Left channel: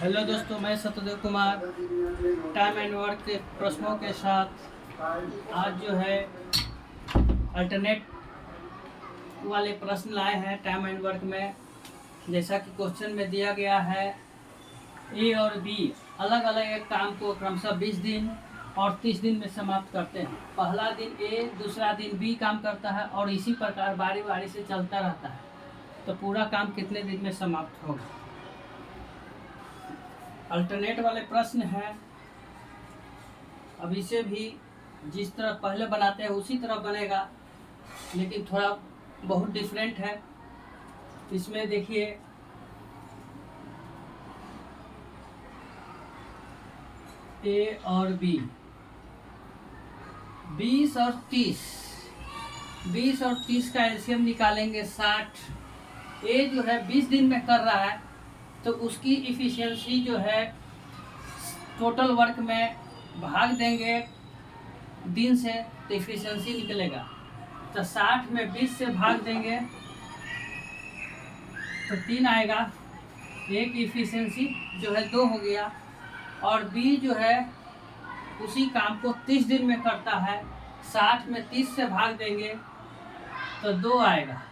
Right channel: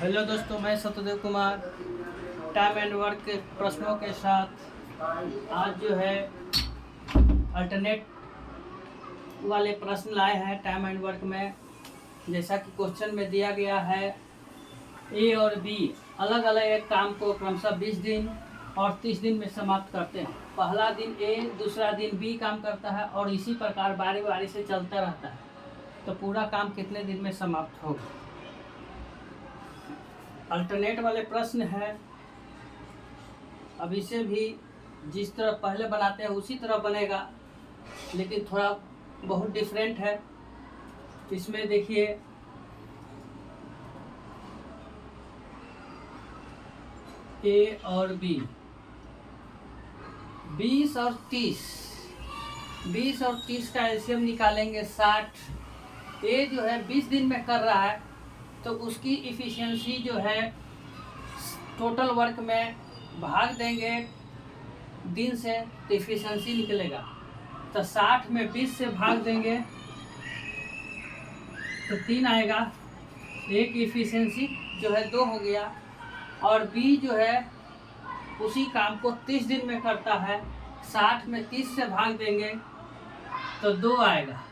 Hello दोस्तों, मैं Satyadev Kumar time and work के प्रश्नों के साथ आज जो है अल्टरनेट वाले प्रश्न लाए हैं टाइम एंड वर्क में। जैसा कि क्वेश्चन में दिया गया है, ए और बी अलग अलग एक काम को क्रमशः 20 दिन और 30 दिन में समाप्त करते हैं। पहला दिन ए, दूसरा दिन बी काम करता है और इसी प्रकार बारी बारी से चलता रहता है। तो पूरा काम कितने दिन में समाप्त होगा? अल्टरनेट वाले प्रश्न है। अब इसे भी जिस तरह पहले बनाते हैं उसी तरह बनेगा, लेकिन थोड़ा बहुत डिफरेंट है। इसमें देखिए, ए और बी 20 और 30, 20 और 30 का एलसीएम निकालेंगे 60। ए जो है 20 दिन में कर रहा है तो उसकी इफ़िशियंसी जो है टोटल वर्क में भाग देंगे दिन से तो इफ़िशियंसी निकलेगा। तो 60 में 20 से भाग देंगे तो 3 आएगा। एक इफ़िशियंसी जो है 2 हो गया। और बी जो है उसी काम को 30 दिन में करता है, 60 में 30 से भाग देंगे तो 2 आएगा।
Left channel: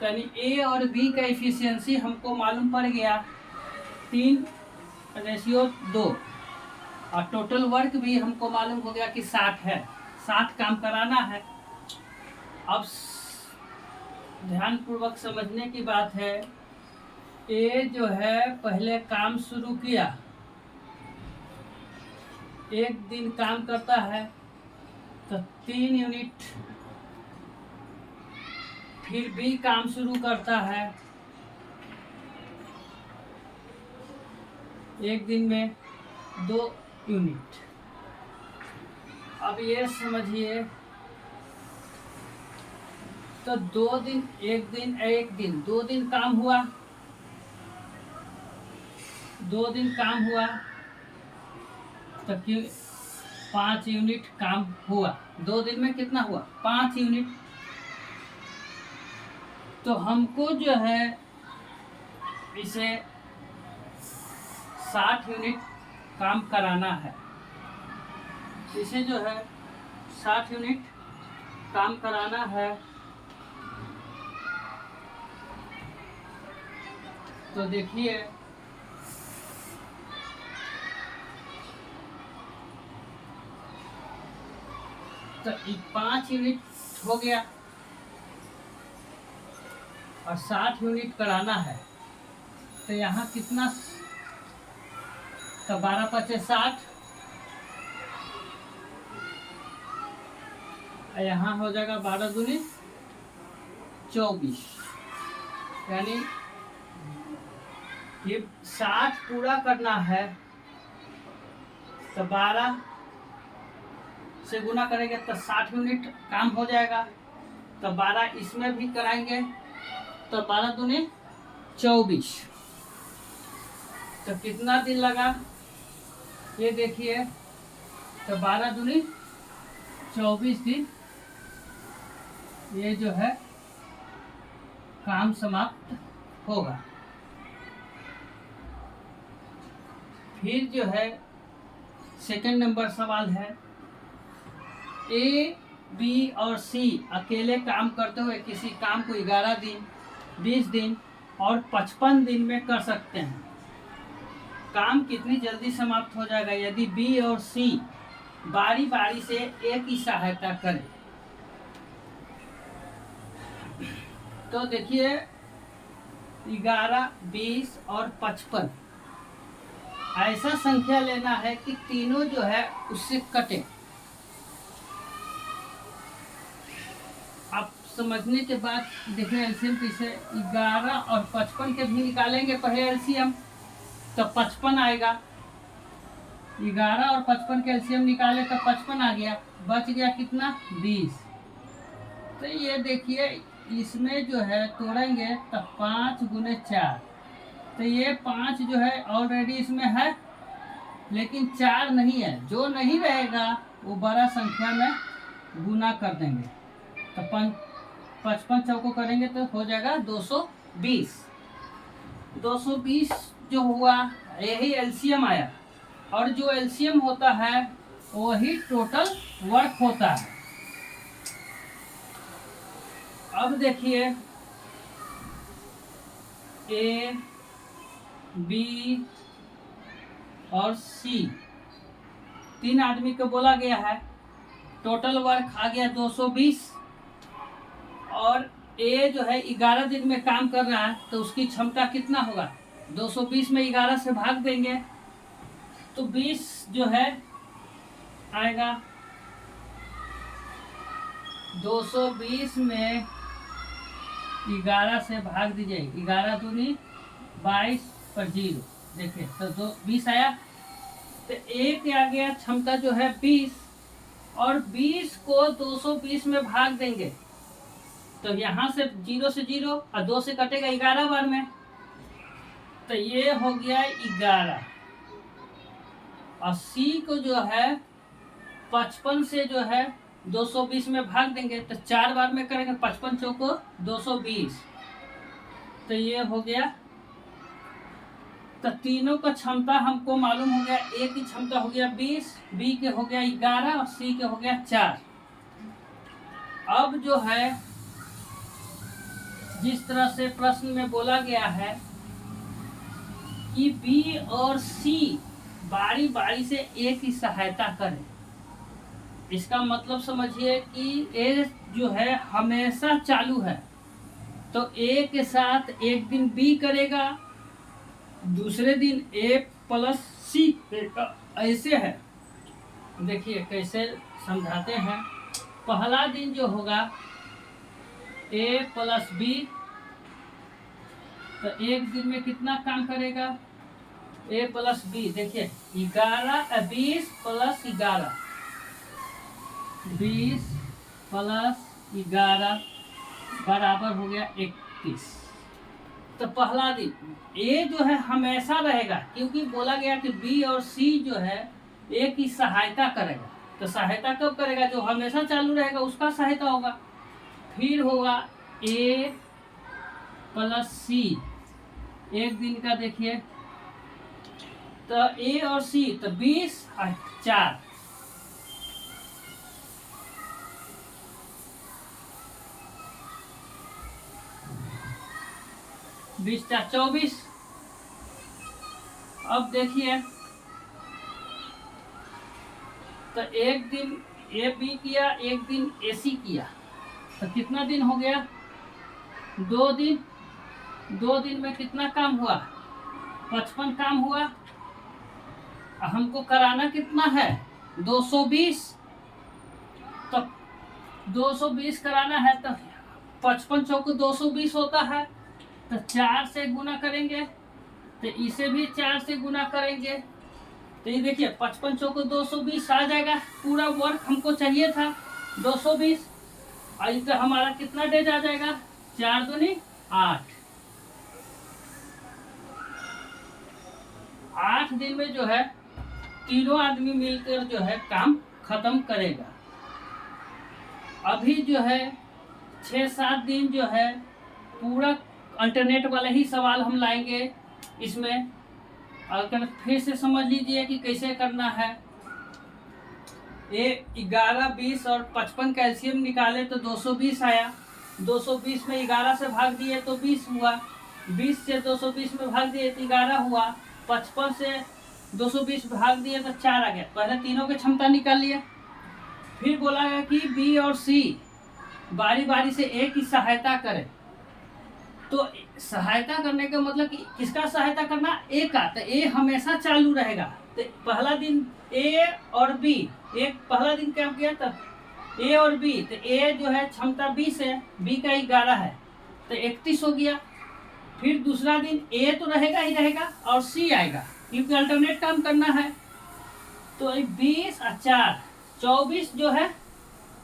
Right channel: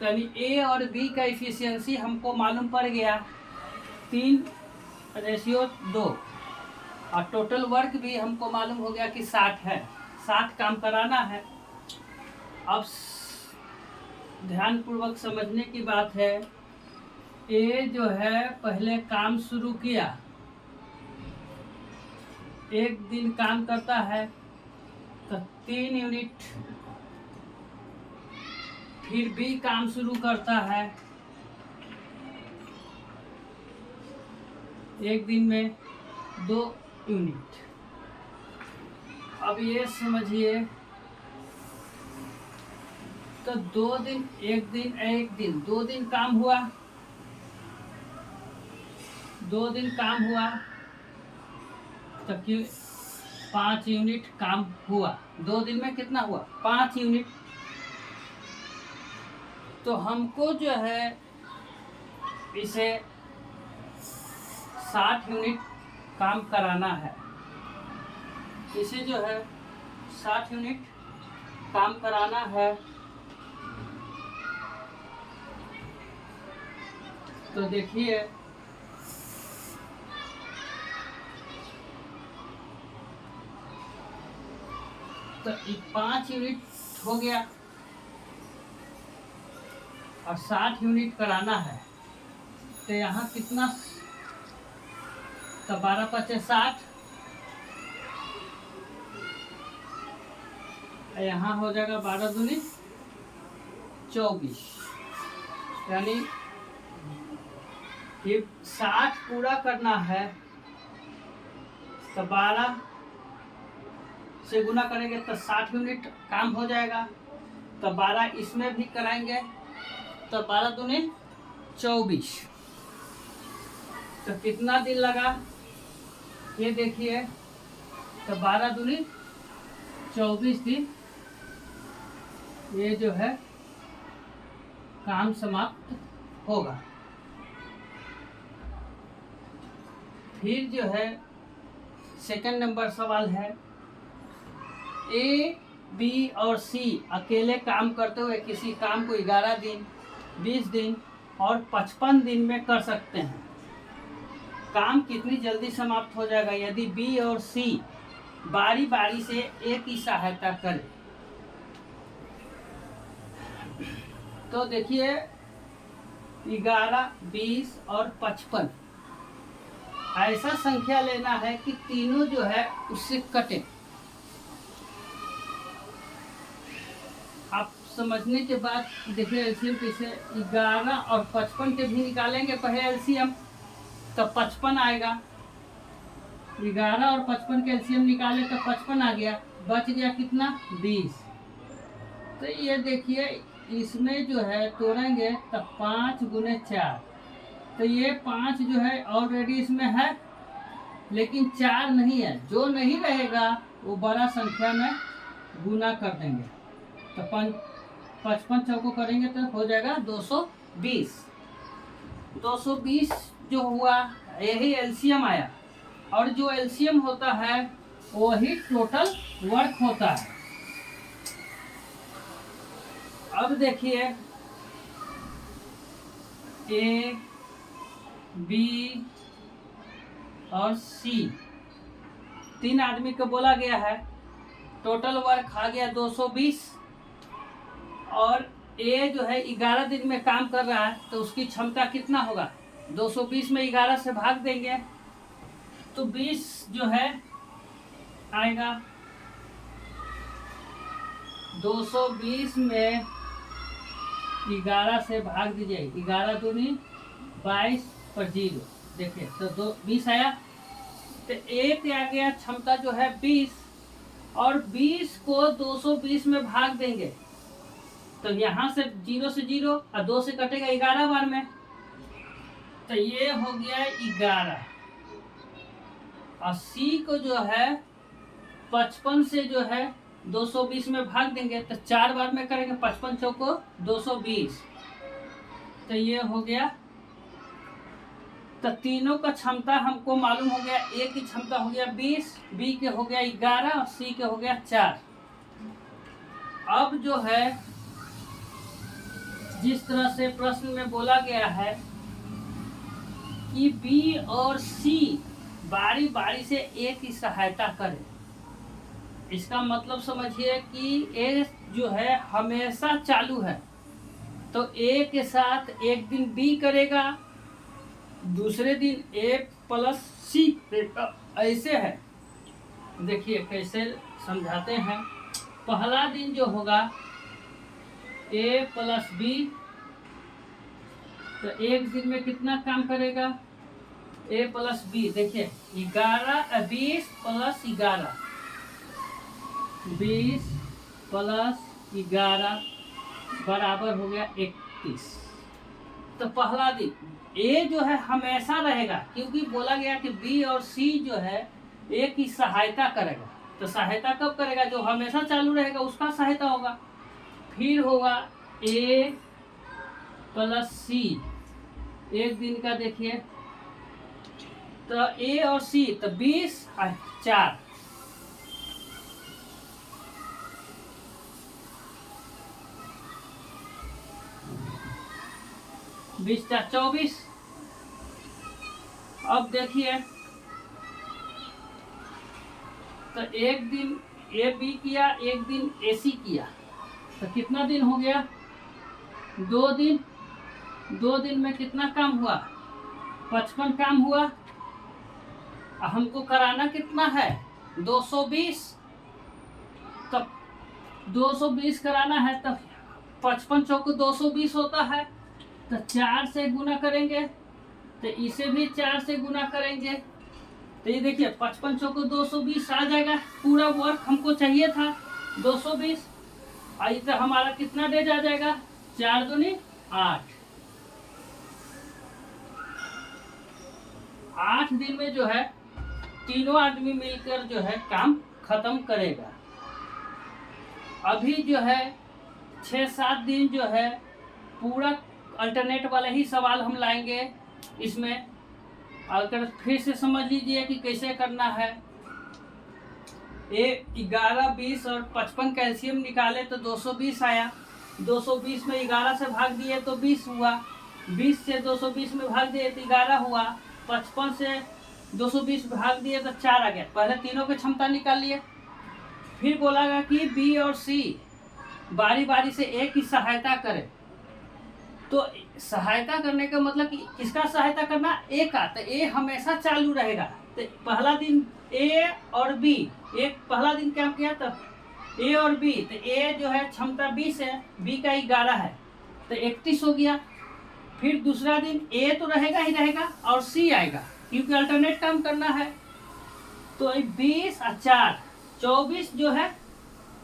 तो यानी ए और बी का इफ़िशियंसी हमको मालूम पड़ गया 3:2 और टोटल वर्क भी हमको मालूम हो गया कि 60 है, 60 काम कराना है। अब ध्यानपूर्वक समझने की बात है, ए जो है पहले काम शुरू किया, एक दिन काम करता है तो 3 यूनिट। फिर बी काम शुरू करता है, एक दिन में 2 यूनिट। अब ये समझिए, तो 2 दिन, एक दिन 2 दिन काम हुआ, 2 दिन काम हुआ तो क्यों 5 यूनिट काम हुआ। 2 दिन में कितना हुआ? 5 यूनिट। तो हमको जो है इसे 60 यूनिट काम कराना है। इसे जो है 60 यूनिट काम कराना है। तो देखिए, तो 5 यूनिट हो गया और 60 यूनिट कराना है। तो यहाँ कितना? तो 12×5 = 60। यहाँ हो जाएगा 12×2 = 24। यानी ये 60 पूरा करना है तो 12 से गुना करेंगे तो 60 यूनिट काम हो जाएगा। तो 12 इसमें भी कराएंगे तो 12×2 = 24। तो कितना दिन लगा ये देखिए, तो 12×2 = 24 दिन ये जो है काम समाप्त होगा। फिर जो है सेकंड नंबर सवाल है, ए, बी और सी अकेले काम करते हुए किसी काम को 11 दिन, 20 दिन और 55 दिन में कर सकते हैं। काम कितनी जल्दी समाप्त हो जाएगा यदि बी और सी बारी बारी से एक ही सहायता करें? तो देखिए, 11, 20 और 55 ऐसा संख्या लेना है कि तीनों जो है उससे कटे। आप समझने के बाद देखिए एलसीएम कैसे, 11 और 55 के भी निकालेंगे पहले एलसीएम तो 55 आएगा। 11 और 55 के एलसीएम निकाले तो 55 आ गया, बच गया कितना? 20। तो ये देखिए, इसमें जो है तोड़ेंगे तो 5×4, तो ये 5 जो है ऑलरेडी इसमें है, लेकिन 4 नहीं है। जो नहीं रहेगा वो बड़ा संख्या में गुना कर देंगे। तो 55 चौको करेंगे तो हो जाएगा 220। 220 जो हुआ यही एलसीएम आया, और जो एलसीएम होता है वही टोटल वर्क होता है। अब देखिए ए बी और सी, 3 आदमी को बोला गया है, टोटल वर्क आ गया 220, और ए जो है 11 दिन में काम कर रहा है, तो उसकी क्षमता कितना होगा, 220 में 11 से भाग देंगे तो 20 जो है आएगा। 220 में 11 से भाग दीजिए, 11 दूनी 22 पर 0, देखिए तो 20 आया। तो एक आ गया क्षमता जो है 20, और 20 को 220 में भाग देंगे तो यहाँ से 0 से 0 और 2 से कटेगा 11 बार में, तो ये हो गया 11। और सी को जो है 55 से जो है 220 में भाग देंगे तो 4 बार में करेंगे, 55 चौको 220, तो ये हो गया। तो तीनों का क्षमता हमको मालूम हो गया, ए की क्षमता हो गया 20, बी के हो गया 11 और सी के हो गया 4। अब जो है जिस तरह से प्रश्न में बोला गया है कि बी और सी बारी बारी से ए की सहायता करें, इसका मतलब समझिए कि ए जो है हमेशा चालू है, तो ए के साथ एक दिन बी करेगा, दूसरे दिन ए प्लस सी, ऐसे है। देखिए कैसे समझाते हैं। पहला दिन जो होगा ए प्लस बी, तो एक दिन में कितना काम करेगा, ए प्लस बी, देखिए 20 प्लस 11, 20 प्लस 11 बराबर हो गया 31। तो पहला दिन ए जो है हमेशा रहेगा, क्योंकि बोला गया कि बी और सी जो है ए की सहायता करेगा, तो सहायता कब करेगा, जो हमेशा चालू रहेगा उसका सहायता होगा। फिर होगा ए प्लस सी, एक दिन का देखिए, तो ए और सी तो 20 और 4, 20 4 24। अब देखिए तो एक दिन ए बी किया, एक दिन ए सी किया, तो कितना दिन हो गया, 2 दिन। 2 दिन में कितना काम हुआ, 55 काम हुआ। हमको कराना कितना है, 220, तो 220 कराना है, तो 55 चौको 220 होता है, तो 4 से गुना करेंगे, तो इसे भी 4 से गुना करेंगे, तो ये देखिए 55 चौको 220 आ जाएगा। पूरा वर्क हमको चाहिए था 220, और इधर हमारा कितना डेज आ जाएगा, 4 दूनी 8। 8 दिन में जो है तीनों आदमी मिलकर जो है काम खत्म करेगा। अभी जो है 6-7 दिन जो है पूरा अल्टरनेट वाले ही सवाल हम लाएंगे इसमें। अगर फिर से समझ लीजिए कि कैसे करना है। ए 11, 20 और 55 कैल्शियम निकाले तो 220 आया। 220 में 11 से भाग दिए तो 20 हुआ। 20 से 220 में भाग दिए तो 11 हुआ। 55 से 220 भाग दिए तो 4 आ गया। पहले तीनों की क्षमता निकाल लिए। फिर बोला गया कि बी और सी बारी बारी से ए की सहायता करें। तो सहायता करने का मतलब कि किसका सहायता करना, ए का। तो ए हमेशा चालू रहेगा। तो पहला दिन ए और बी, एक पहला दिन क्या किया तो ए और बी, तो ए जो है क्षमता 20 है, बी का 11 है, तो 31 हो गया। फिर दूसरा दिन ए तो रहेगा ही रहेगा और सी आएगा, क्योंकि अल्टरनेट काम करना है। तो 20 और 4 24 जो है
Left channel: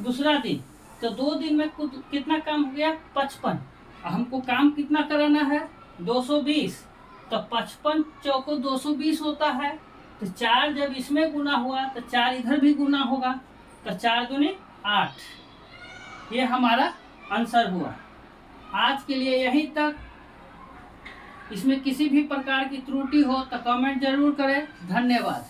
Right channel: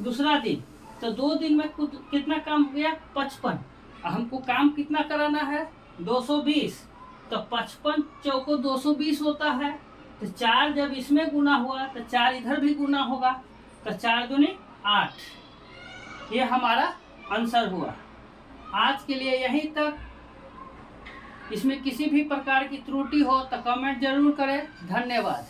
दूसरा दिन। तो 2 दिन में कितना काम हो गया, 55। हमको काम कितना कराना है, 220। तो 55 चौको 220 होता है। तो 4 जब इसमें गुना हुआ तो 4 इधर भी गुना होगा, तो 4 दूनी 8। ये हमारा आंसर हुआ। आज के लिए यहीं तक। इसमें किसी भी प्रकार की त्रुटि हो तो कमेंट जरूर करें। धन्यवाद।